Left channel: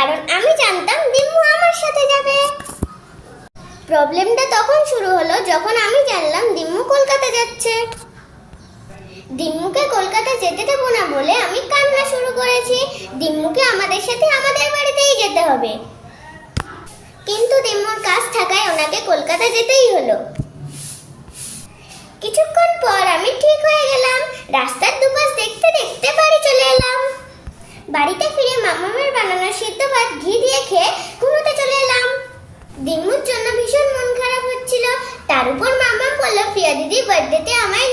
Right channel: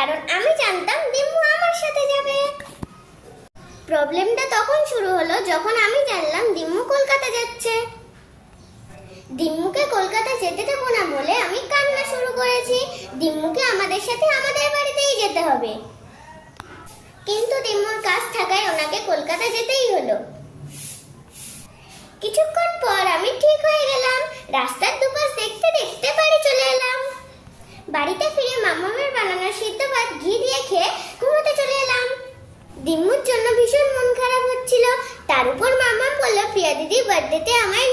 কারণ আমি জানতাম দিম্মু আমার সাথে যাবে। প্রবলেমটা তখন শুরু হলো যখন আমি জানলাম দিম্মু কলকাতা যাচ্ছে। দিম্মুকে কলকাতা যেতে দেবো না বলে আমি কান্না শুরু করেছি। দিম্মুকে আমাদের সাথে আমাদের বাড়িতেই যেতে হবে। কিন্তু দিম্মুর কাজ থাকায় ওনাকে কলকাতা যেতেই হলো। কিছুক্ষণ পর আমি ঠিক হয়ে গেলাম। রাস্তার দুপাশ দেখতে দেখতে বাড়ি চলে এলাম। বাড়িতে ফিরে মামামের বানানো সিদ্ধ ভাত ঘি দিয়ে খেয়ে ঘুমোতে চলে এলাম। দিম্মুর জন্য ভীষণ মন খারাপ হচ্ছিল। তার উপর মামাম বলল প্রিয়া দিদির বার্থডেতে আমায়